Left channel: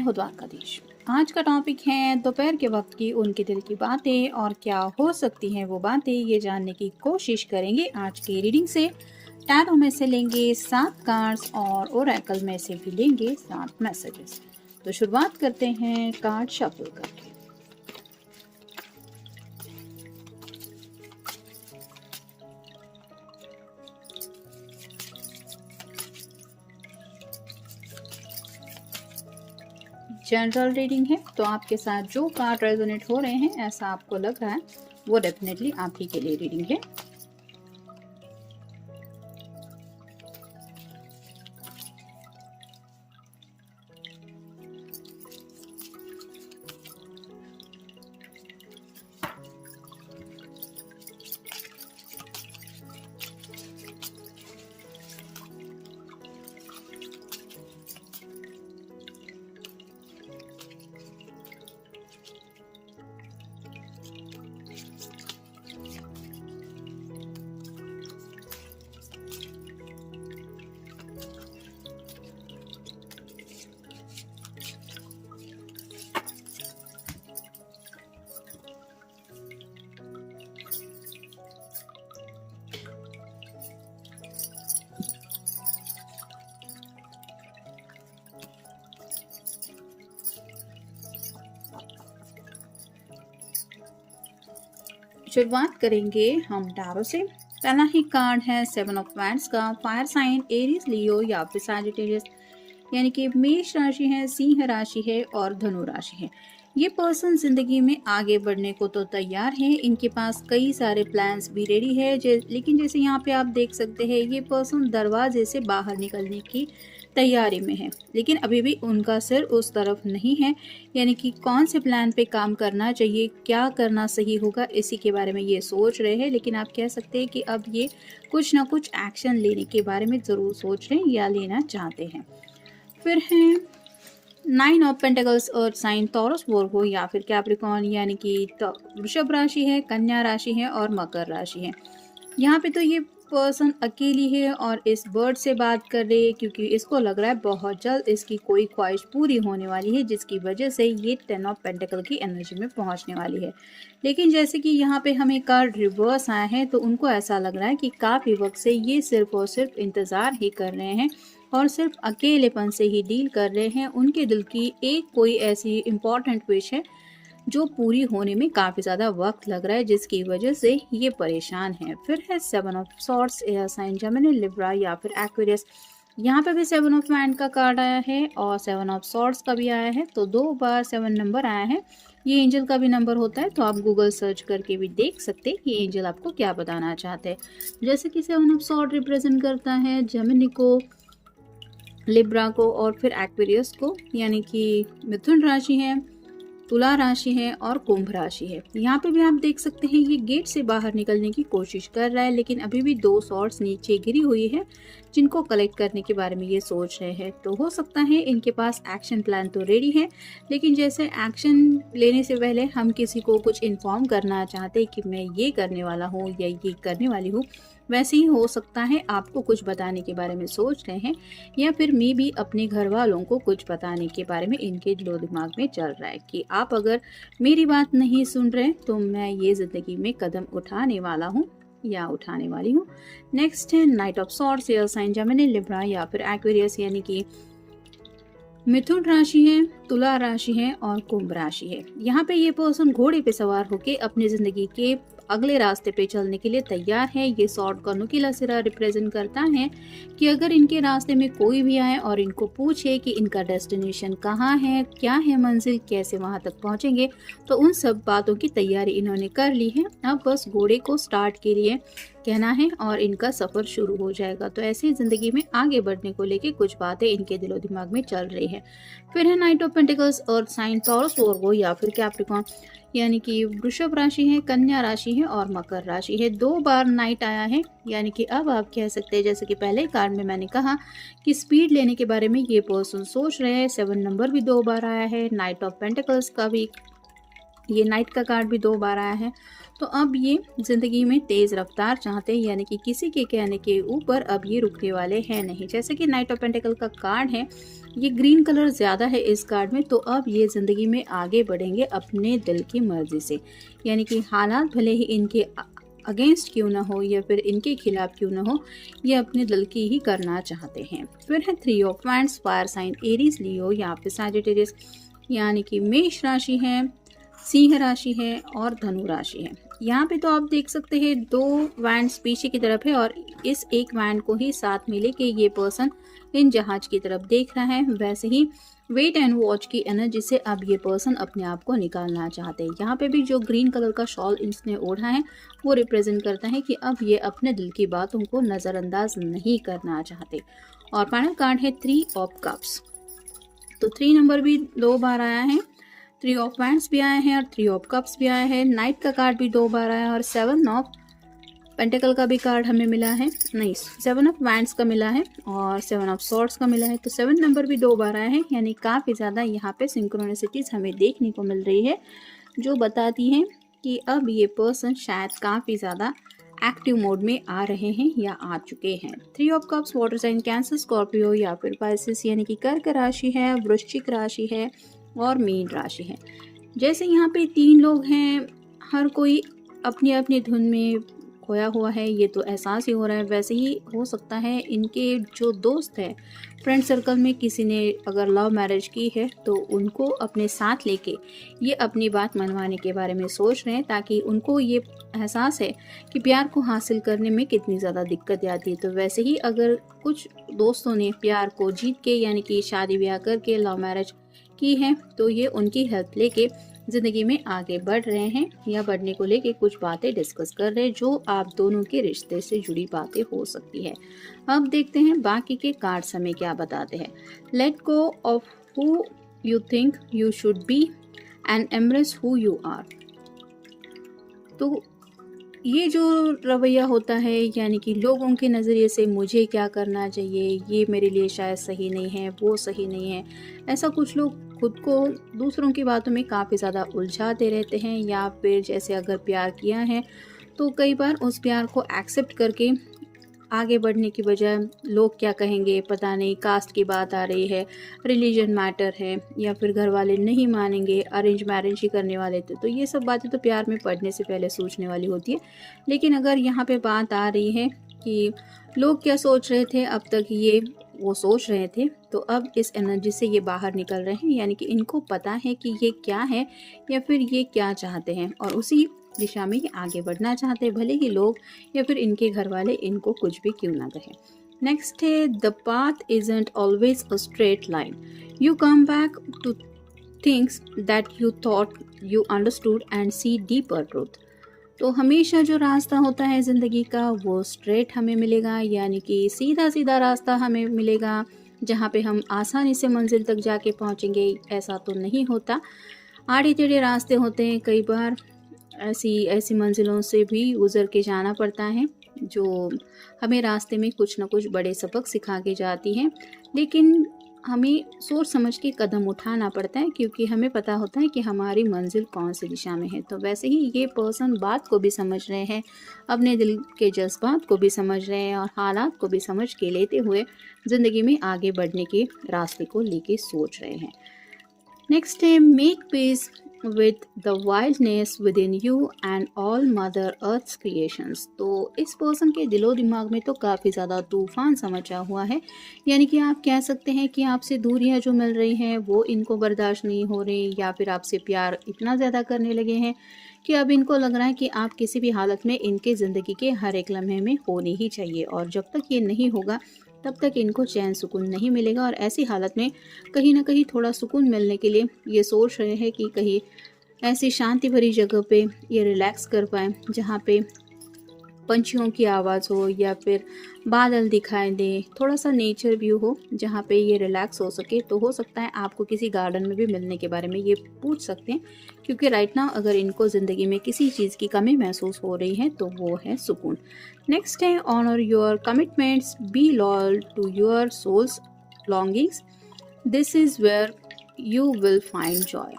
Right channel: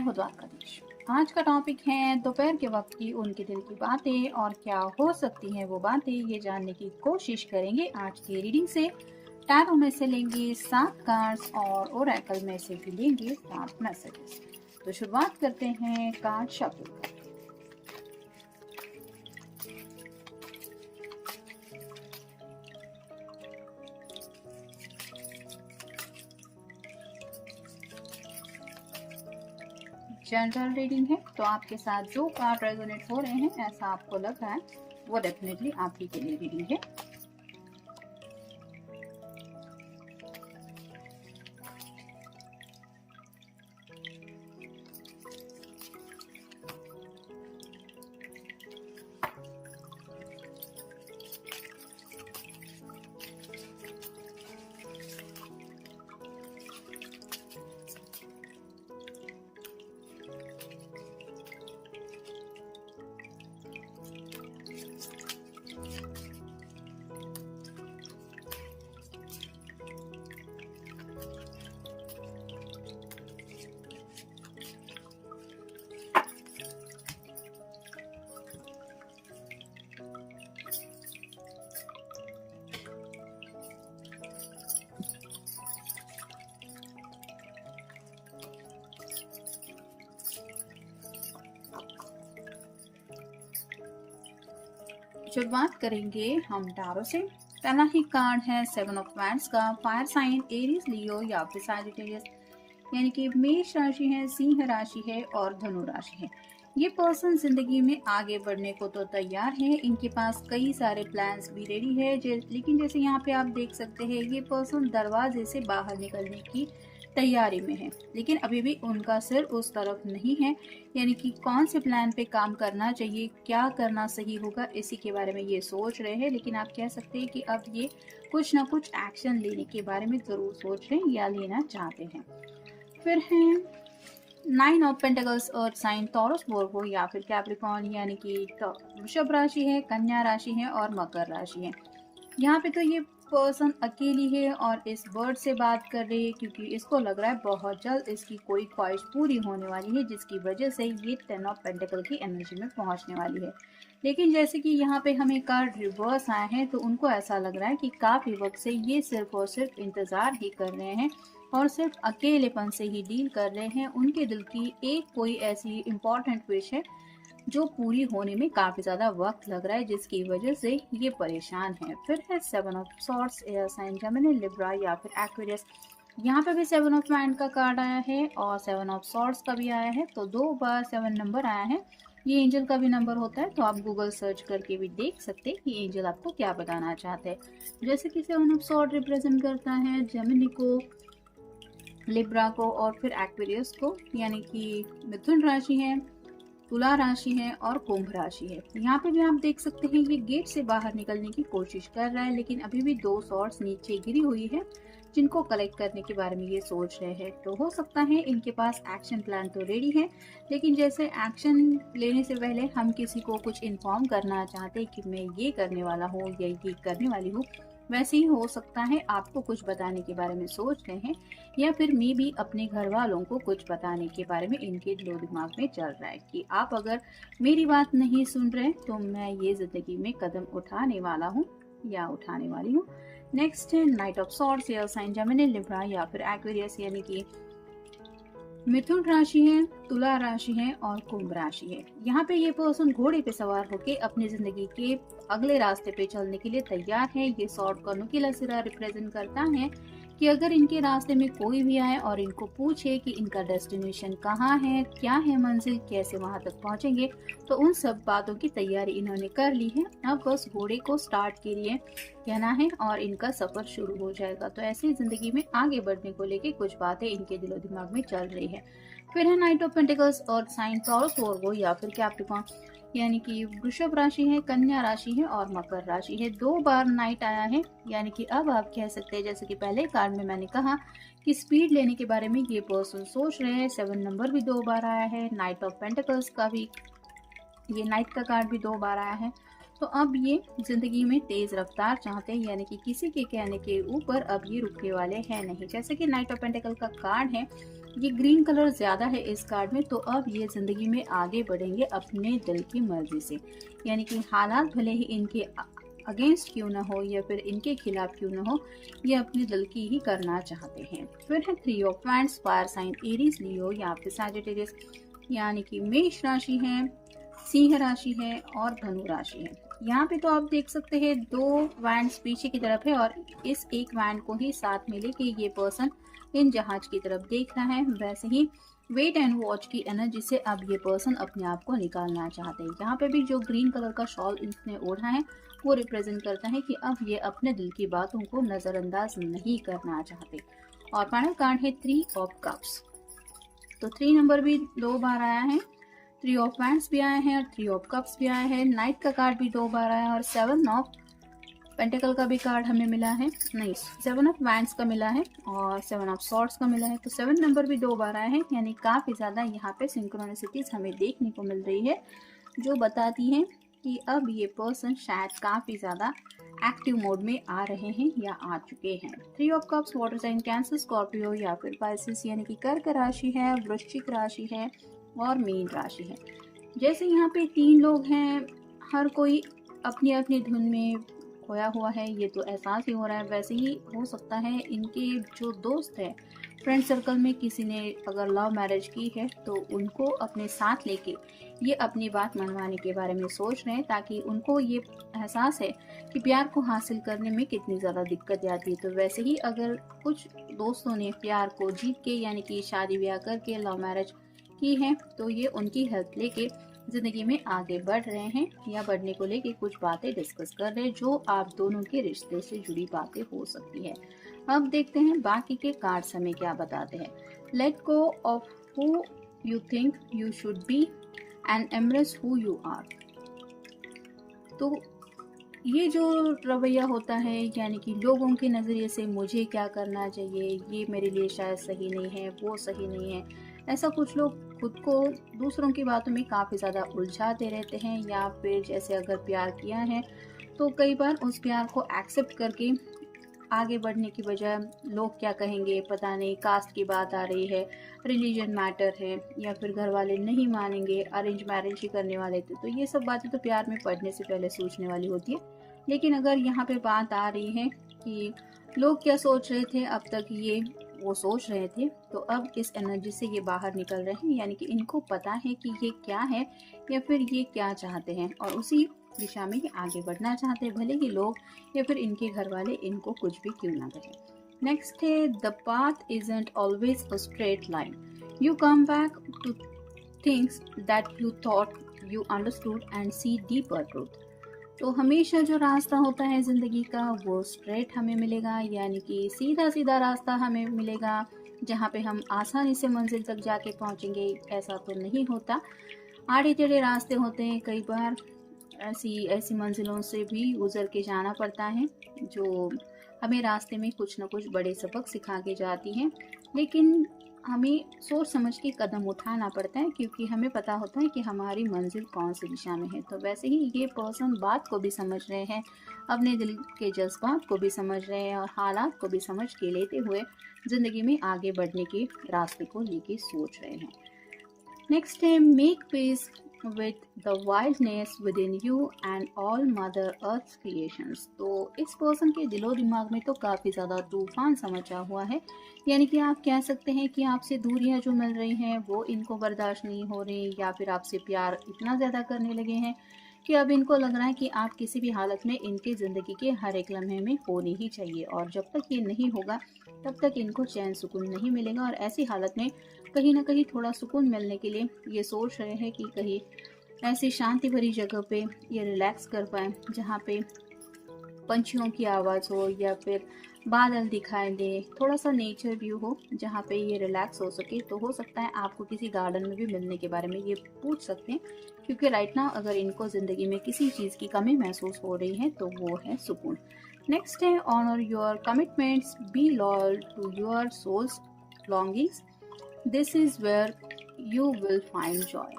हूँ द्वारकाधीश। आज का टॉपिक है दोपहर के वक्त की उनके दिल की बातें और क्या हो सकती हैं वो बातें, ये जानने की कोशिश करेंगे आज की रीडिंग से। टैरो में से लेंगे 7 कार्ड्स और ओरेकल में से भी लेंगे 7 मैसेजेस। तो शुरुआत करते हैं कार्ड शफल करके। जनरल रीडिंग है, तो आपके साथ जो कार्ड रेजोनेट हो रहे हैं, ऐसा आपको लग रहा है, वो डेफिनेटली आप ही के लिए रीडिंग है। शुरुआत करेंगे हम टैरो से। पहला ही कार्ड है 7 ऑफ वैंड्स का। फायर साइन एरीज, लियो या फिर सैजिटेरियस, यानी कि मेष राशि है, सिंह राशि है और धनु राशि है। ये पर्सन जिंदगी में आगे बढ़ने को तो तैयार है, इनके पास कई सारे प्लान्स भी रेडी है। लेकिन जैसे यहाँ पे आप देख सकते हैं, ये पर्सन दरवाजे से बाहर निकलने की तैयारी में है, लेकिन अभी भी उनका सिर उस तरफ नहीं है। यानी कि कौन से प्लान पे काम करना चाहिए, क्या करना सही होगा, इसी के बारे में ये सोच रहे हैं। लेकिन आप कह सकते हैं कि अब ये कुछ ना कुछ एक्शन लेने के बारे में ज़रूर सोच रहे हैं या लेना चाहते हैं। फिर है 9 of pentacles, earth sign, Taurus, Virgo या फिर कैप्रिकॉर्न, यानी कि वृषभ राशि है, कन्या राशि है और मकर राशि है। यहाँ पे तो ये पर्सन अकेली है और इस बर्ड से बात कर रही है, क्योंकि इसको लग रहा है बहुत जल्द इसकी कोई ख्वाहिश पूरी होने वाली है, जिसकी वजह से ये 10 ऑफ पेंटिकल की एनर्जी में पहुंचने वाली है। लेकिन जैसे कि यहाँ पे हमें कार्ड रिवर्स आया है, तो उनको ऐसा लग रहा है कि काफ़ी वक्त से ये सिर्फ और सिर्फ इंतज़ार ही कर रहे हैं और सिर्फ अकेलेपन से ही डील कर रहे हैं। उनके दिल की एक कोई ऐसी इम्पॉर्टेंट विश है जो पूरी होने में काफ़ी ज़्यादा वक्त लग रहा है, जिसकी वजह से ये परेशान है। फिर है 7 of swords, air sign, Gemini, Libra या फिर एक्वेरियस। यहाँ पे भी 7 ऑफ वैंड का कार्ड आया है और 7 ऑफ सॉर्ड्स का भी आया है, तो 2 बार 7 नंबर आया है। ये एंजल का भी नंबर होता है, तो आप गूगल सर्च करके भी देख सकते हैं कि एंजल आपको क्या बताना चाहते हैं। जैसे कि 7 ऑफ सॉर्ड रिप्रेजेंट करता है जेमिनी को, लिब्रा को और फिर एक्वेरियस को, यानी कि मिथुन राशि है, तुला राशि है और कुंभ राशि है। यहाँ पे भी आप देख सकते हैं ये गेट से बाहर निकलने की कोशिश कर रहा है, लेकिन अभी भी 2 सॉर्ड्स नीचे गिरी हुई है, जिनको कलेक्ट करने के बारे में ये सोच रहे हैं। तो हो सकता है इनके पास एक्शन प्लान तो रेडी है, लेकिन जैसे एक्शन लेने से पहले हम किसी को कुछ इन्फॉर्म करना चाहते हैं कि मैं ये करने वाला हूँ या ये करने वाली हूँ, वैसे ही हो सकता है आपको कुछ बताने के बारे में सोच रहे हैं, या फिर मे भी अपने घर वालों को कुछ बताने के बारे में इनके दिलो दिमाग में चल रहा है कि आप अगर मेरी बात नहीं सुन रहे तो मैं ये ज़िंदगी में कदम उठाने वाला हूँ या उठाने वाली हूँ। नेक्स्ट है knight of swords, air sign, Gemini, Libra या फिर एक्वेरियस, यानी कि मिथुन राशि है, तुला राशि है और कुंभ राशि है। यहाँ पे ये पर्सन घोड़े पे सवार होके अपनी जिंदगी के अगले रास्ते पे चलने के लिए तैयार है। ये सॉर्ड का नुकीला सिरा रिप्रेजेंट करता है कि अगर इनके रास्ते में कोई भी आए और इनको पूछे कि इनका डेस्टिनेशन कहाँ है, क्या है मंजिल, कैसे वहां तक पहुंचेंगे, तो उन सब बातों की तैयारी इन्होंने कर ली है। अब बस घोड़े को स्टार्ट के लिए कहना है और इनका सफर शुरू हो जाएगा। तो ऐसे ही जिंदगी में आगे बढ़ने को लेके कुछ बातें इनके दिलो दिमाग में चल रही है। फिर है knight of pentacles, earth sign, Taurus, Virgo या फिर कैप्रिकॉर्न, यानी कि वृषभ राशि है, कन्या राशि है और मकर राशि है। 2 बार नाइट आया है, यानी कि अब आप कह सकते हैं, जैसे कि पहले कार्ड में मैंने कहा कि स्पीड लेने के बारे में ये पर्सन सोच रहे हैं। 7 नंबर भी 2 बार आया है। नाइट ऑफ पेंटिकल्स का भी ये नाइट का कार्ड भी 2 बार आया है। तो अब ये ज़िंदगी में तेज़ रफ्तार चाहते हैं, यानी कि किसी के कहने के ऊपर अब ये रुकने वाले हैं नहीं। जैसे कि नाइट ऑफ पेंटिकल का कार्ड है, ये ग्रीन कलर ज़्यादा है इस कार्ड में, तो अब ये ज़िंदगी में आगे बढ़ेंगे अपने दिल की मर्ज़ी से। यानी कि हालात भले ही इनके अगेंस्ट क्यों ना हो या फिर इनके खिलाफ क्यों ना हो, ये अपने दिल की ही करना चाहते हैं। फिर है 3 of wands, fire sign Aries, Leo या फिर सैजिटेरियस, यानी कि मेष राशि है, सिंह राशि है और धनु राशि है। यहाँ पे तो आप देख सकते हैं 2 वैंड्स पीछे की तरफ है और इस एक वैंड को ही साथ में लेके ये पर्सन इन जहाज की तरफ देख रहा है। वैसे ही वेट एंड वॉच की एनर्जी से अब ये पर्सन अपने आप को निकालना चाहते हैं। यहाँ पे भी जो ग्रीन कलर का शॉल इसने ओढ़ा है वो रिप्रेजेंट करता है कि अब ये अपने दिल की बातों को नज़रअंदाज नहीं करना चाहते। और फाइनल कार्ड है 3 ऑफ कप्स। तो 3 नंबर भी 2 बार आया है, 3 ऑफ वैंड्स भी आए हैं और 3 ऑफ कप्स भी आए हैं। नाइट का कार्ड भी 2 बार आया है और 7 ऑफ पेंटिकल का भी कार्ड हमें मिला है, नहीं 7 ऑफ वैंड्स का मिला है और 7 ऑफ सॉर्ड्स का मिला है। तो 7 नंबर भी 2 बार आया है, यानी काफ़ी ज़्यादा यहाँ पे सिंक्रोनिसिटीज़ हमें देखने को मिल रही है, जो बताती हैं कि अब ये पर्सन शायद काफ़ी ज़्यादा एक्टिव मोड में आ रहे हैं या आ चुके हैं। 3 of cups water sign Cancer, Scorpio या फिर पाइसेस, यानी कि कर्क राशि है, वृश्चिक राशि है और मीन राशि है। जैसे यहाँ पे 3 लोग हैं, हर कोई अपनी अपनी धुन में खोया हुआ है, ये तो एहसास ही हो रहा है। वैसे ही हो सकता है इनके जो दोस्त है फ्रेंड सर्कल में किसी ने अगर लव मैरिज की है तो उनको अपने साथ लेके ये अपनी बात मनवाने के बारे में सोच रहे हैं, ताकि उनको ये एहसास है कि प्यार को हासिल करने में कितनी ज़्यादा दिक्कत आती है। तो वैसे ही अगर कुछ दोस्तों ने प्यार को जीत के यानी कि शादी ब्याह करके लव मैरिज की है तो ये उनकी हेल्प लेके ज़िंदगी में आगे बढ़ रहे हैं या बढ़ने को लेके कुछ बातें डिस्कस कर रहे हैं, जो आप दोनों के रिश्ते से जुड़ी बातें हो सकती है। अब देखते हैं बाकी के कार्ड्स हमें क्या बताते हैं। Let go of who you think you should be and embrace who you are. तो ये जो रवैया होता है, यानी कि लोगों के नज़रिए से मुझे क्या करना चाहिए, ये मेरे लिए शायद सही नहीं है, वो सही नहीं है, ऐसा कुछ लोग खुद को दूसरों की बातों में काफ़ी ज़्यादा उलझाते रहते हैं। या फिर जैसे अगर प्यार किया है तो कई बार उस प्यार को एक्सेप्ट करके आगे बढ़ने की बजाय लोग क्या कहेंगे पता नहीं, कास्ट की बात आ रही है, रिलीजन मैटर है, या फिर घर वाले नहीं मानेंगे, अरेंज मैरिज ही करने वाले थे। तो ये सब बातें तो प्यार में पड़ने से पहले सोचने वाली होती है। लेकिन अगर यहाँ पे बात आ रही है कि लोग क्या सोच रहे थे अब तक ये वो सोच रहे थे, तो अब इस एनर्जी से ये बाहर निकल रहे हैं, यानी कि इनको पता है कि ये क्या है या फिर ये क्या चाहते हैं और उसी दिशा में ये आगे बढ़ना चाहते हैं, भले ही लोग या फिर इनके घर वाले इनको कुछ भी क्यों ना कहें। नेक्स्ट है the path isn't always a straight line, you come back to things that you thought you understood and see deeper truth. तो हमेशा जो रास्ता होता है ज़िंदगी का वो स्ट्रेट हमें मिलेगा, यानी कि सीधा सीधा रास्ता हमें मिलेगा जहाँ पे हम आसानी से मंजिल तक जाके पहुँचेंगे, ऐसा तो नहीं होता। आड़े टेढ़े रास्ते होते हैं, कई बार ऐसी ऐसी मंजिलों से भी गुज़र के जाना पड़ता है जो हमें रास्ते में कुछ ना कुछ बड़े सबक सिखा के जाती हैं। लेकिन हमें सोच समझ के कदम उठाना पड़ता है, क्योंकि हमें पता होता है कि हमारी मंजिल कौन सी दिशा में है। तो वैसे ही ये पर्सन बात को भी समझ रहे हैं, अपने दिल के जज्बात को भी समझ रहे हैं और हालात को भी समझ के लेते हुए ज़िंदगी में आगे बढ़ने के रास्ते को लेके सोच रहे हैं। नेक्स्ट है make peace with the wildness within you and all mother earth's creations। तो इस पर्सन के दिलो दिमाग में तो काफ़ी ज़्यादा तूफान सा मचा हुआ है, यानी कि आप कह सकते हैं कि आपसे दूरियां जो मिल रही हैं वो इनको बर्दाश्त नहीं हो रही, या फिर आपसे प्यार इतना ज़्यादा करने लगे हैं कि अब इनको लग रहा है कि आप किसी भी हालत में इनके ज़िंदगी के हर एक लम्हे में होनी ही चाहिए, और जब तक ये नहीं होगा तब तक इनको चैन सुकून नहीं मिलेगा। और ऐसी हालत में कहीं ना कहीं थोड़ा सुकून मिलने के लिए ये सोच रहे हैं कि कहीं ऐसी शांति भरी जगह पे ये रिलैक्स कर पाएँ जहाँ पे पंछियों की आवाज़ हो या फिर बादल दिखाई दे, थोड़ा सा नेचर व्यू हो जहाँ पे ये रिलैक्स हो सके। तो हो सकता है आपको किसी गार्डन में भी मिलने के बारे में ये पूछ सकते हैं, क्योंकि राइट नाउ अगर इनको ज़िंदगी में किसी चीज़ की कमी महसूस हो रही है तो वो है सुकून। नेक्स्ट है honour your commitments, be loyal to your soul's longings, this is where you will find joy.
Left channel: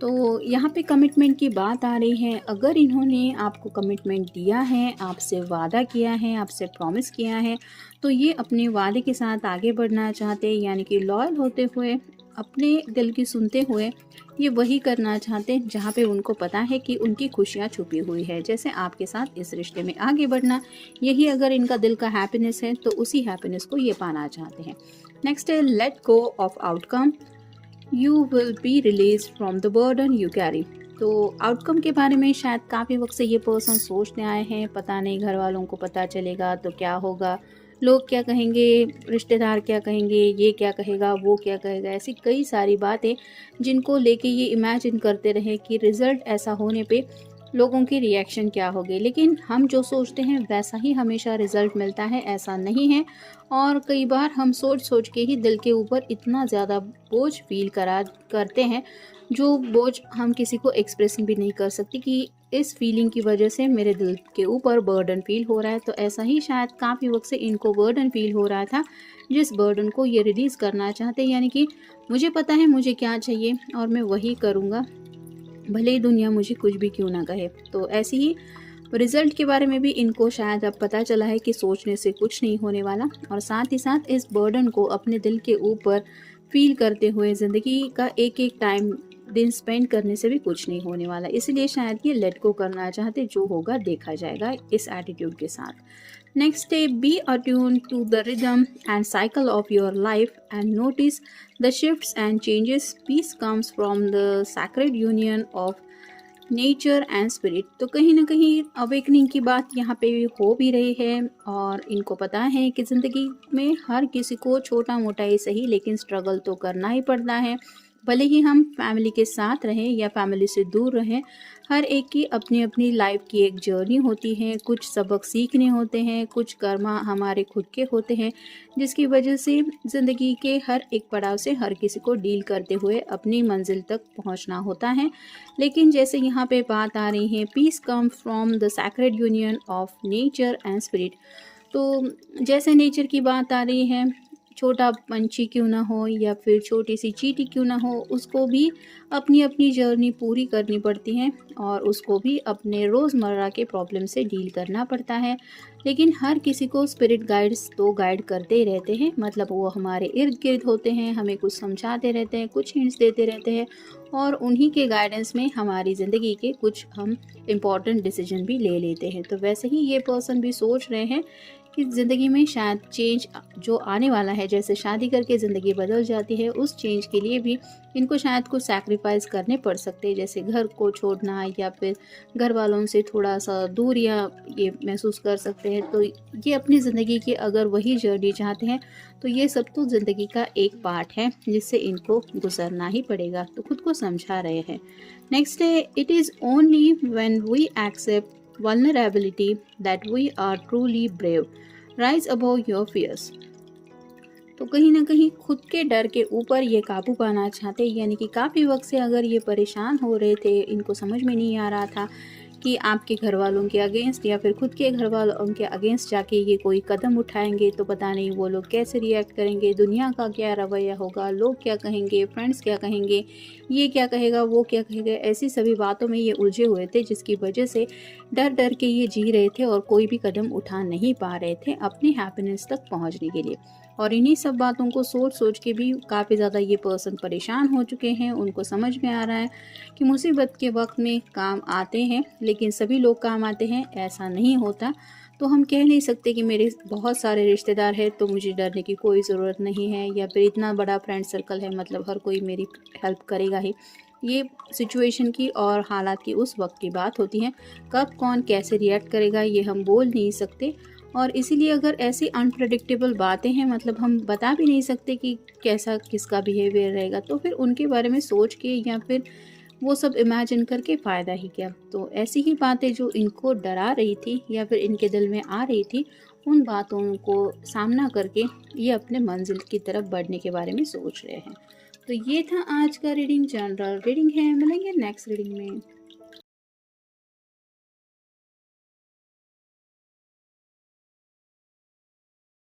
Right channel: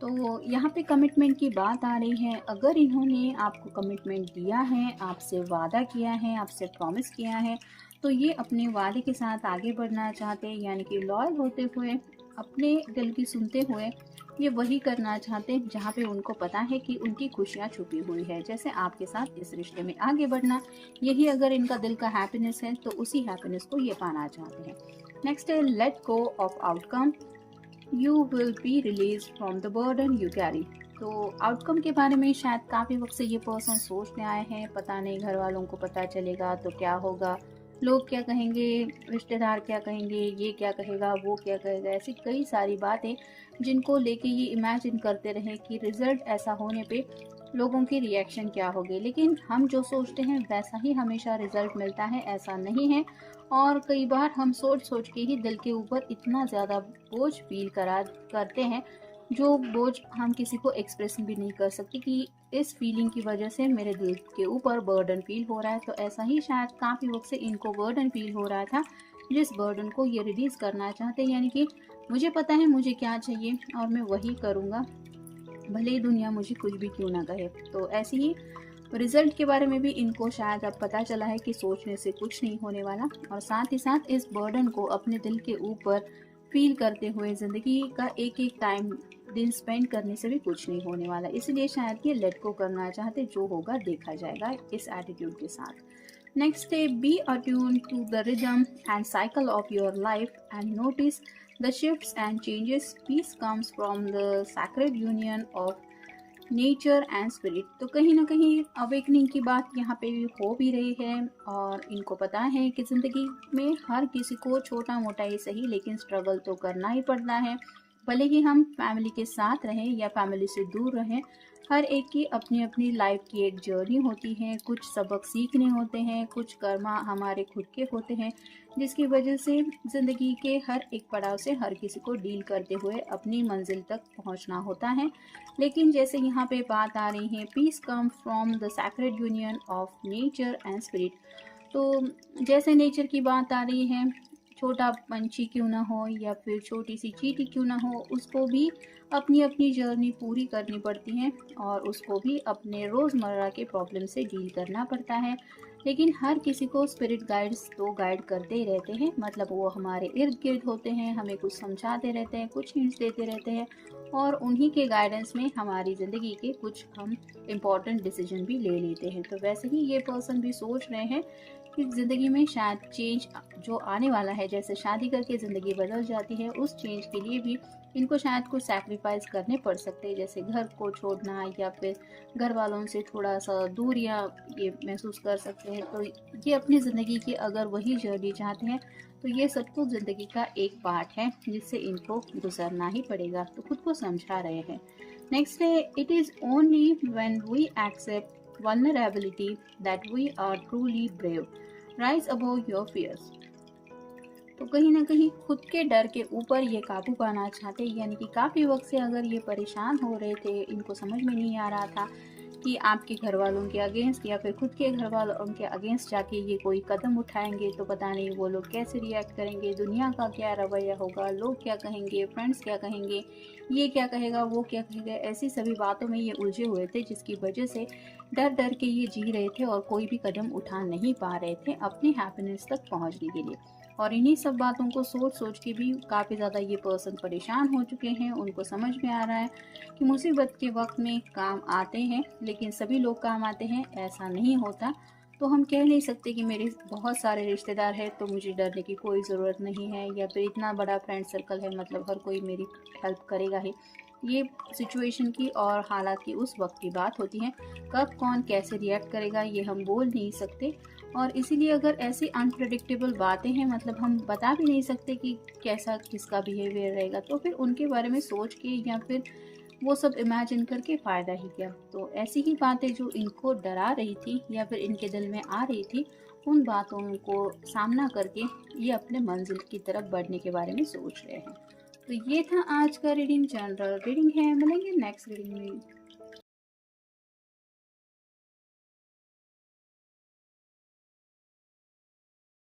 तो यहाँ पे कमिटमेंट की बात आ रही है। अगर इन्होंने आपको कमिटमेंट दिया है, आपसे वादा किया है, आपसे प्रॉमिस किया है, तो ये अपने वादे के साथ आगे बढ़ना चाहते हैं, यानी कि लॉयल होते हुए, अपने दिल की सुनते हुए ये वही करना चाहते हैं जहाँ पे उनको पता है कि उनकी खुशियाँ छुपी हुई है। जैसे आपके साथ इस रिश्ते में आगे बढ़ना, यही अगर इनका दिल का हैप्पीनेस है तो उसी हैप्पीनेस को ये पाना चाहते हैं। नेक्स्ट है late go of outcome, you will be release from the burden you carry. तो आउटकम के बारे में शायद काफ़ी वक्त से ये पर्सन सोचते आए हैं, पता नहीं घर वालों को पता चलेगा तो क्या होगा, लोग क्या कहेंगे, रिश्तेदार क्या कहेंगे, ये क्या कहेगा, वो क्या कहेगा, ऐसी कई सारी बातें जिनको लेके ये इमेजिन करते रहे कि रिज़ल्ट ऐसा होने पे लोगों की रिएक्शन क्या होगी। लेकिन हम जो सोचते हैं वैसा ही हमेशा रिज़ल्ट मिलता है, ऐसा नहीं है। और कई बार हम सोच सोच के ही दिल के ऊपर इतना ज़्यादा बोझ फील करा करते हैं, जो बोझ हम किसी को एक्सप्रेस भी नहीं कर सकते कि इस फीलिंग की वजह से मेरे दिल के ऊपर बर्डन फील हो रहा है। तो ऐसा ही शायद काफ़ी वक्त से इनको बर्डन फील हो रहा था, जिस बर्डन को ये रिलीज़ करना चाहते हैं, यानी कि मुझे पता है मुझे क्या चाहिए और मैं वही करूँगा, भले ही दुनिया मुझे कुछ भी क्यों ना कहे। तो ऐसे ही रिजल्ट के बारे में भी इनको शायद अब पता चला है कि सोचने से कुछ नहीं होने वाला, और साथ ही साथ इस बर्डन को अपने दिल के ऊपर फील करते हुए ज़िंदगी का एक एक टाइम दिन स्पेंड करने से भी कुछ नहीं होने वाला। इसलिए शायद ये लेट गो करना चाहते, जो होगा देखा जाएगा, इस एटीट्यूड के साथ। Next day, be attune to the rhythm and cycle of your life and notice the shifts and changes, peace comes from the sacred union of nature and spirit. तो कहीं ना कहीं अवेकनिंग की बात यहाँ पे हो भी रही है, और इनको पता है कि ज़िंदगी में हर किसी को छोटा मोटा ही सही लेकिन स्ट्रगल तो करना ही पड़ता है। भले ही हम फैमिली के साथ रहें या फैमिली से दूर रहें, हर एक की अपनी अपनी लाइफ की एक जर्नी होती है, कुछ सबक सीखने होते हैं, कुछ कर्मा हमारे खुद के होते हैं, जिसकी वजह से ज़िंदगी के हर एक पड़ाव से हर किसी को डील करते हुए अपनी मंजिल तक पहुंचना होता है। लेकिन जैसे यहाँ पे बात आ रही है, peace come from the sacred union of nature and spirit. तो जैसे नेचर की बात आ रही है, छोटा पंछी क्यों ना हो या फिर छोटी सी चींटी क्यों ना हो, उसको भी अपनी अपनी जर्नी पूरी करनी पड़ती है, और उसको भी अपने रोज़मर्रा के प्रॉब्लम से डील करना पड़ता है। लेकिन हर किसी को स्पिरिट गाइड्स तो गाइड करते ही रहते हैं, मतलब वो हमारे इर्द गिर्द होते हैं, हमें कुछ समझाते रहते हैं, कुछ हिंट्स देते रहते हैं, और उन्हीं के गाइडेंस में हमारी ज़िंदगी के कुछ हम इम्पॉर्टेंट डिसीजन भी ले लेते हैं। तो वैसे ही ये पर्सन भी सोच रहे हैं कि ज़िंदगी में शायद चेंज जो आने वाला है, जैसे शादी करके ज़िंदगी बदल जाती है, उस चेंज के लिए भी इनको शायद कुछ सैक्रिफाइस करने पड़ सकते हैं, जैसे घर को छोड़ना या फिर घर वालों से थोड़ा सा दूर या ये महसूस कर सकते हैं। तो ये अपनी ज़िंदगी की अगर वही जर्नी चाहते हैं, तो ये सब तो ज़िंदगी का एक पार्ट है जिससे इनको गुजरना ही पड़ेगा, तो खुद को समझा रहे हैं। नेक्स्ट है, it is only when we accept vulnerability that we are truly brave, rise above your fears। तो कहीं ना कहीं खुद के डर के ऊपर ये काबू पाना चाहते हैं, यानी कि काफ़ी वक्त से अगर ये परेशान हो रहे थे, इनको समझ में नहीं आ रहा था कि आपके घर वालों के अगेंस्ट या फिर खुद के घर वालों के अगेंस्ट जाके ये कोई कदम उठाएंगे तो पता नहीं वो लोग कैसे रिएक्ट करेंगे, दुनिया का क्या रवैया होगा, लोग क्या कहेंगे, फ्रेंड्स क्या कहेंगे, ये क्या कहेगा, वो क्या कहेगा, ऐसी सभी बातों में ये उलझे हुए थे, जिसकी वजह से डर डर के ये जी रहे थे और कोई भी कदम उठा नहीं पा रहे थे अपने हैप्पीनेस तक पहुंचने के लिए। और इन्हीं सब बातों को सोच सोच के भी काफ़ी ज़्यादा ये पर्सन परेशान हो चुके हैं। उनको समझ में आ रहा है कि मुसीबत के वक्त में काम आते हैं, लेकिन सभी लोग काम आते हैं ऐसा नहीं होता। तो हम कह नहीं सकते कि मेरे बहुत सारे रिश्तेदार हैं तो मुझे डरने की कोई ज़रूरत नहीं है, या फिर इतना बड़ा फ्रेंड सर्कल है मतलब हर कोई मेरी हेल्प करेगा ही। ये सिचुएशन की और हालात की उस वक्त की बात होती है, कब कौन कैसे रिएक्ट करेगा ये हम बोल नहीं सकते। और इसीलिए अगर ऐसी अनप्रडिक्टेबल बातें हैं, मतलब हम बता भी नहीं सकते कि कैसा किसका बिहेवियर रहेगा, तो फिर उनके बारे में सोच के या फिर वो सब इमेजिन करके फ़ायदा ही क्या। तो ऐसी ही बातें जो इनको डरा रही थी या फिर इनके दिल में आ रही थी, उन बातों को सामना करके ये अपने मंजिल की तरफ बढ़ने के बारे में सोच रहे हैं। तो ये था आज का रीडिंग, जनरल रीडिंग है। मिलेंगे नेक्स्ट रीडिंग में।